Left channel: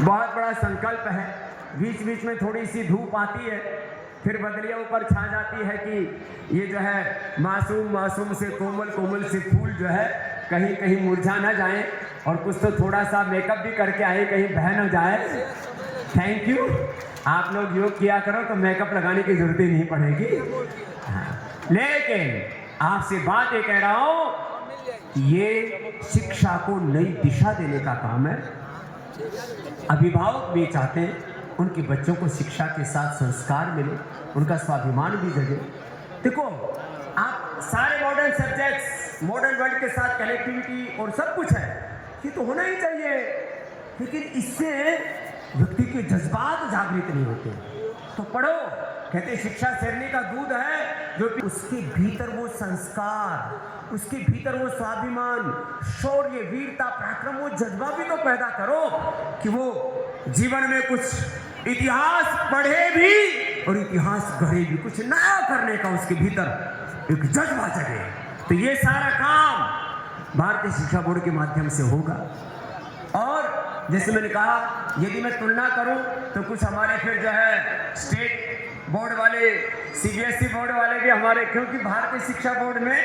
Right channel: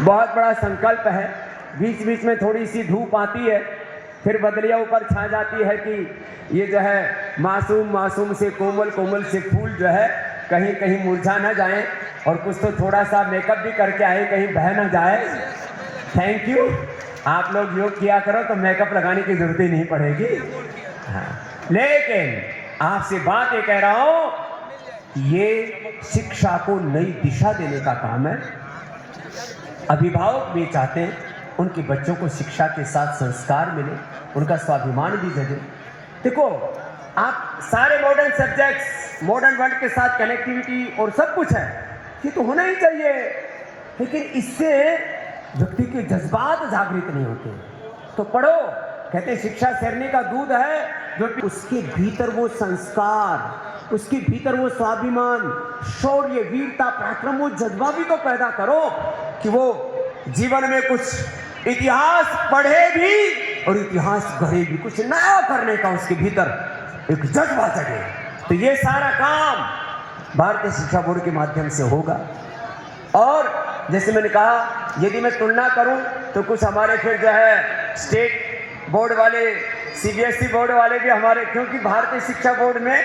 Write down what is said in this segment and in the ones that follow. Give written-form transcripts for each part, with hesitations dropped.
बहुत बड़ा संकल्प है। बीच बीच में थोड़ी सी धूप आती है, फिर बदलिया ऊपर छा जाती है कि ये जो है मासूम मासूम से कोमल कोमल से फूल जो है कहीं कहीं मुरझा ना जाए, और कुछ तो थोड़ा सा मेकअप भी करके आए, कहीं बह ना जाए। Thank you. आप लोग योग किया करो तो मेकअप लगाने की जरूरत ही नहीं पड़ेगी। हाँ, लेकिन आपसे बात ये कह रहा हूं कि ये शिक्षा को नई दिशा देने का काम है। अभिभावक भी चाहते हैं उनके बच्चों को शिक्षा के साथ संस्कार मिले, उनका स्वाभिमान भी जगे। देखो, आप सारे मॉडर्न सब्जेक्ट्स, मॉडर्न वर्ल्ड के साथ कनेक्टिविटी और सब कुछ है, ये तो होना ही चाहिए, लेकिन इससे व्यक्ति के जज्बात जागृत नहीं होते। तो पढ़ो, कहते शिक्षा शरीर का दूध है, जो कि उसके भीतर वो संस्कार, उसके भीतर वो स्वाभिमान, शौर्य, वीरता, पराक्रम, वो जज्बा भी तो पैदा करो कि वो जीवन में कुछ इतिहास पढ़े भी और इतिहास गढ़े भी, कुछ नया करने का उसके भीतर एक जज्बा जगे। तो ये सारा काम भारतीय शिक्षा बोर्ड के माध्यम से होगा। और जैसे मैंने कहा, यदि मैं तुलना करूं तो कुछ हमारे फिर जो है स्टेट बोर्ड वाले, सीबीएसई बोर्ड वाले भी हमारे, क्योंकि भारतीय शिक्षा बोर्ड में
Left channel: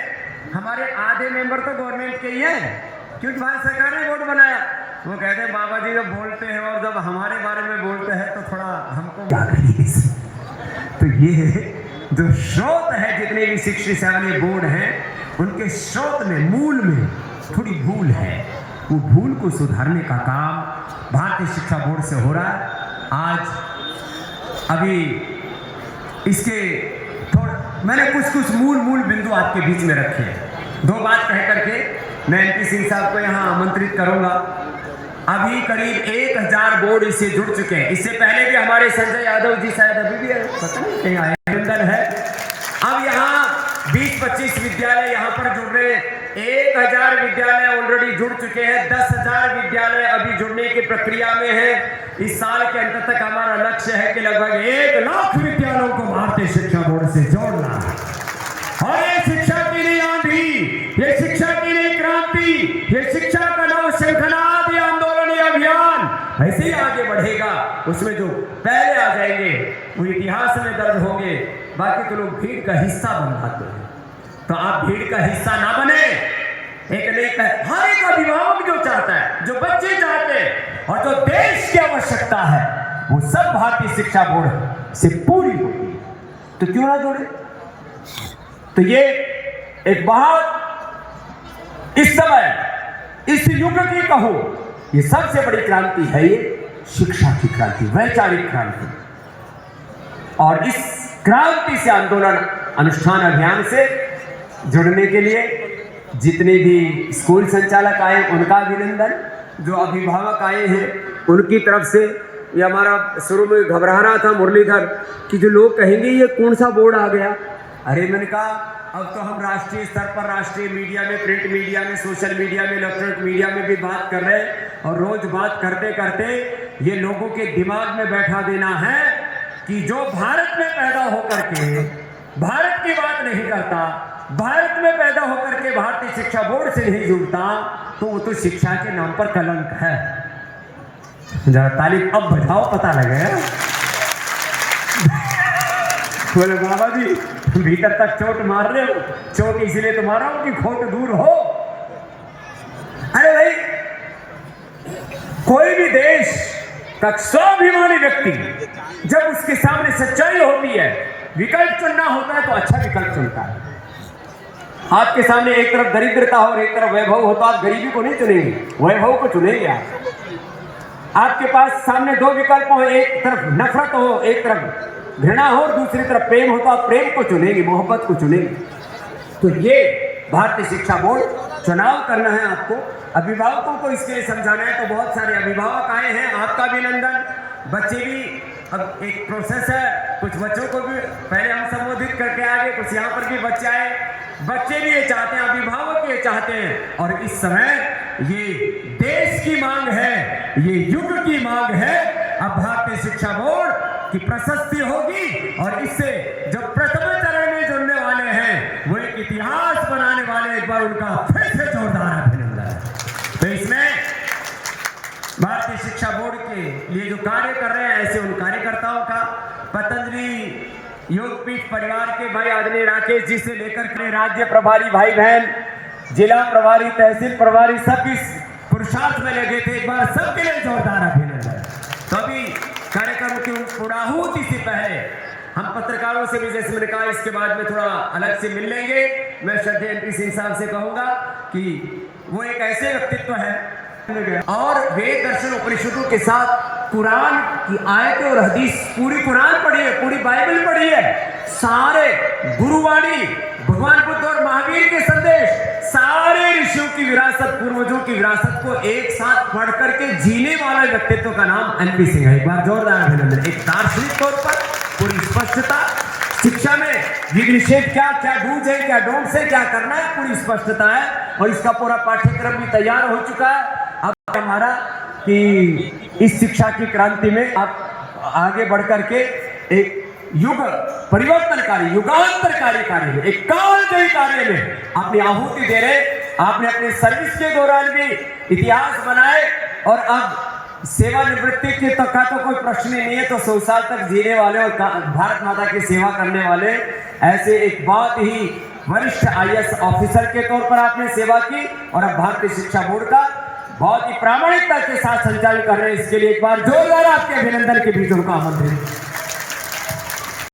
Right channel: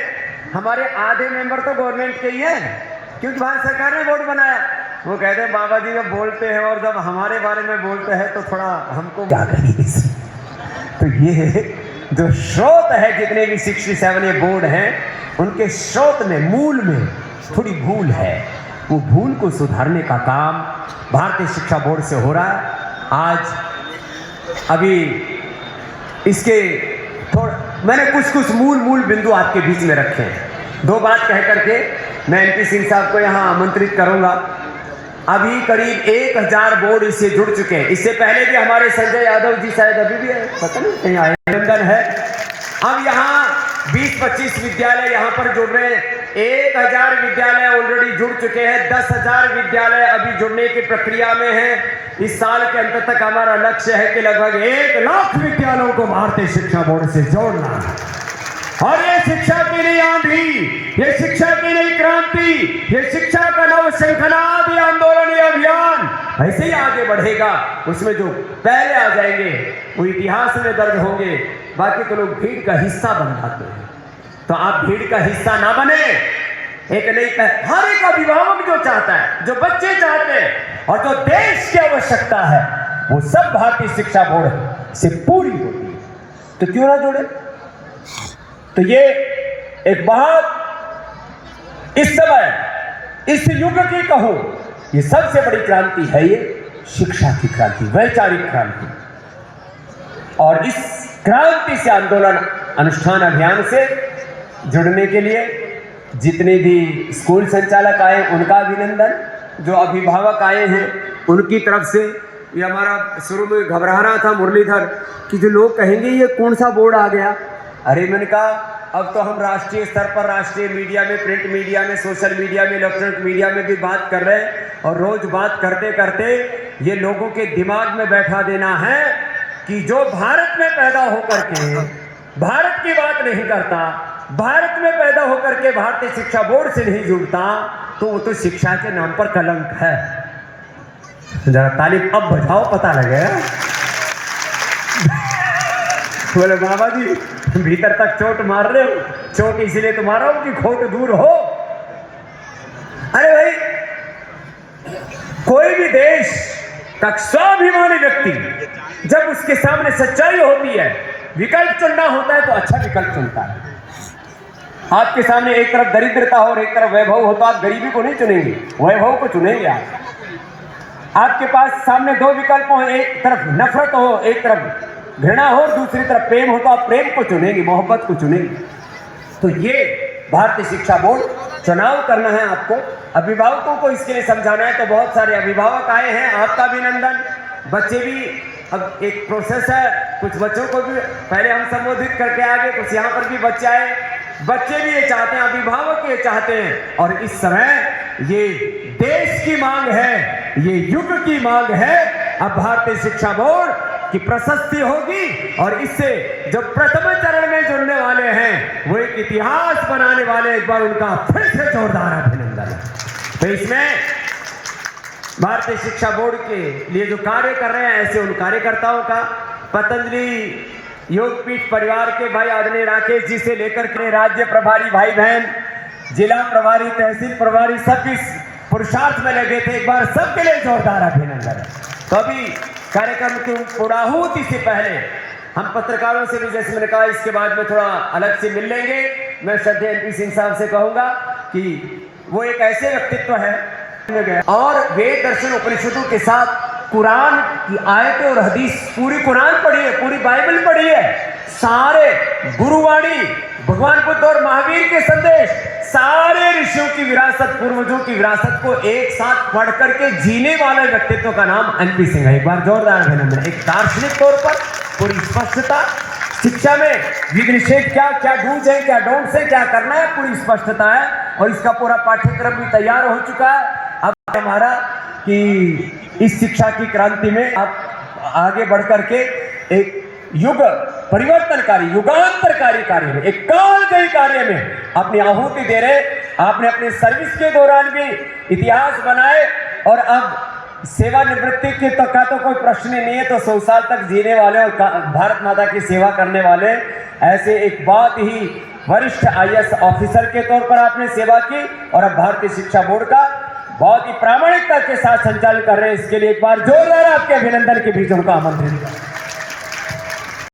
हमारे आधे मेंबर तो गवर्नमेंट के ही हैं, क्योंकि भारत सरकार ने बोर्ड बनाया। वो कहते हैं बाबा जी जब बोलते हैं और जब हमारे बारे में बोलते हैं तो थोड़ा हमको क्या करिए। तो ये जो स्रोत है, जितने भी 67 बोर्ड हैं, उनके स्रोत में, मूल में थोड़ी भूल है। वो भूल को सुधारने का काम भारतीय शिक्षा बोर्ड से हो रहा है। आज अभी इसके मैंने कुछ मूल बिंदु आपके बीच में रखे हैं। दो बात कह करके मैं एमपी सिंह साहब को यहाँ आमंत्रित करूंगा। अभी करीब 1000 बोर्ड इससे जुड़ चुके हैं। इससे पहले भी हमारे संजय यादव जी शायद अभी भी है, पता नहीं कहीं आए, लंदन है। अब यहाँ 20-25 विद्यालय यहाँ पर जुड़ रहे हैं। 1000 विद्यालय ऑलरेडी जुड़ चुके हैं, 10,000 विद्यालय अभी जुड़ने की प्रक्रिया में है। इस साल के अंत तक हमारा लक्ष्य है कि लगभग 1 लाख विद्यालयों को भारतीय शिक्षा बोर्ड से जोड़ना। और ये शिक्षा की नई आंधी, ये शिक्षा की नई क्रांति, ये शिक्षा का नव श्रृंखलादि आंदोलन अभियान ऐसे ही आगे बढ़ेगा। उसमें जो पहले आ जाएंगे वो इतिहास में दर्ज होंगे, बाकी तो लोग भीड़ का हिस्सा बन जाते हैं। तो आप भीड़ का हिस्सा ना बने। हर एक अभिभावक जो चाहता है, जो बच्चे चाहते हैं और जो देश की आवश्यकता है, वो सब भारतीय शिक्षा बोर्ड से पूरी होगी। तो क्यों ना जोड़े। तो ये एक बहुत, इस समय इस युग की कहो, ये सबसे बड़ी क्रांति है, ये शिक्षा की क्रांति, वैचारिक क्रांति। और इस क्रांति से, आंदोलन अनुष्ठान अभियान से जुड़ने के लिए जितने भी स्कूल संचालक आए उनका अभिनंदन, जो अभिभावक आए हैं उनकी तरफ से। ये हमारा शुरू में घबरा रहा था मुरलीधर कि जो लोग कहेंगे ये कौन सा बोर्ड आ गया। अरे मैंने कहा अब तो हम राष्ट्रीय स्तर पर, राष्ट्रीय मीडिया में, प्रिंट मीडिया में, सोशल मीडिया में, इलेक्ट्रॉनिक मीडिया में भी बात कर रहे हैं। और रोज बात करते करते ये लोगों के दिमाग में बैठा देना है कि जो भारत में पैदा होकर के भारत की बात नहीं करता, भारत में पैदा होकर के भारतीय शिक्षा बोर्ड से नहीं जुड़ता, तो वो तो शिक्षा के नाम पर कलंक है। जरा ताली अब बढ़ाओ, पता लगे। बोले बाबा जी भीतर तक चोट मार रहे हो, चोट इसलिए तो मारा हो कि खोट दूर हो। अरे भाई, कोई भी देश का स्वाभिमानी व्यक्ति जब उसके सामने सच्चाई होती है, विकल्प चुनना होता है तो अच्छा विकल्प चुनता है। आपके सामने एक तरफ दरिद्रता हो और एक तरफ वैभव हो, तो आप गरीबी को नहीं चुनेंगे, वैभव को चुनेंगे। आपके पास सामने दो विकल्प हो, एक तरफ नफरत हो, एक तरफ घृणा हो, दूसरी तरफ प्रेम हो, तो आप प्रेम को चुनेंगे, मोहब्बत को चुनेंगे। तो ये भारतीय शिक्षा बोर्ड चुनाव करना है आपको, अभिभावकों को इसके लिए समझाना है। तो बहुत सारे अभिभावक आए हैं, आपका अभिनंदन। बच्चे भी, अब एक प्रोसेस है, कुछ बच्चों को भी पहले हम संबोधित करके आगे, कुछ यहाँ पर भी बच्चे आए। बच्चे भी ये चाहते हैं, अभिभावक ये चाहते हैं, और इस समय ये देश की मांग है, ये युग की मांग है। अब भारतीय शिक्षा बोर्ड की प्रशस्ति होगी, और इससे जो प्रथम चरण में जुड़ने वाले हैं वो एक इतिहास बनाने वाले, एक बार उनका फिर से जोरदार अभिनंदन। तो इसमें भारतीय शिक्षा बोर्ड के लिए जो कार्य कर रहे हैं, ऐसे उन कार्यकर्ताओं का, पतंजलि योगपीठ परिवार के भाई आदरणीय राकेश जी से लेकर के राज्य प्रभारी भाई बहन, जिला प्रभारी, तहसील प्रभारी, सब इस पुरुषार्थ में लगे थे। एक बार सबके लिए जोरदार अभिनंदन। तो अभी कार्यक्रम की पूर्णाहुति से पहले हम पत्रकारों से भी, जैसे मैंने कहा, इसके बाद में थोड़ा अलग से मिल लेंगे। मैं श्रद्धेय MP सिंह साहब से कहूंगा कि वो एक ऐसे व्यक्तित्व है और वेद दर्शन उपनिषदों के साथ कुरान की आयतें और हदीस, पूरी कुरान पढ़ी है, पूरी बाइबल पढ़ी है, सारे गुरुवाणी, भगवान बुद्ध और महावीर के संदेश, सारे ऋषियों की विरासत, पूर्वजों की विरासत को एक साथ पढ़ करके जीने वाले व्यक्तित्व का नाम MP सिंह है। एक बार जोरदार अभिनंदन। एक दार्शनिक तौर पर पूरी स्पष्टता, शिक्षा में विधि निषेध क्या क्या डूज है, क्या डोंट्स है, क्या करना है, पूरी स्पष्टता है और इसका पूरा पाठ्यक्रम भी तैयार हो चुका है। अब हमारा कि इस शिक्षा की क्रांति में आप आगे बढ़ करके एक युग परिवर्तनकारी, युगांतरकारी कार्य में, एक कालजयी कार्य में अपनी आहुति दे रहे। आपने अपने सर्विस के दौरान भी इतिहास बनाए और अब सेवानिवृत्ति के तक का तो कोई प्रश्न नहीं है, तो 100 साल तक जीने वाले और भारत माता की सेवा करने वाले ऐसे एक बहुत ही वरिष्ठ IAS ऑफिसर के तौर पर आपने सेवा की और अब भारतीय शिक्षा बोर्ड का बहुत ही प्रामाणिकता के साथ संचालन कर रहे हैं। इसके लिए एक बार जोरदार आपके अभिनंदन के बीच उनका आमंत्रित।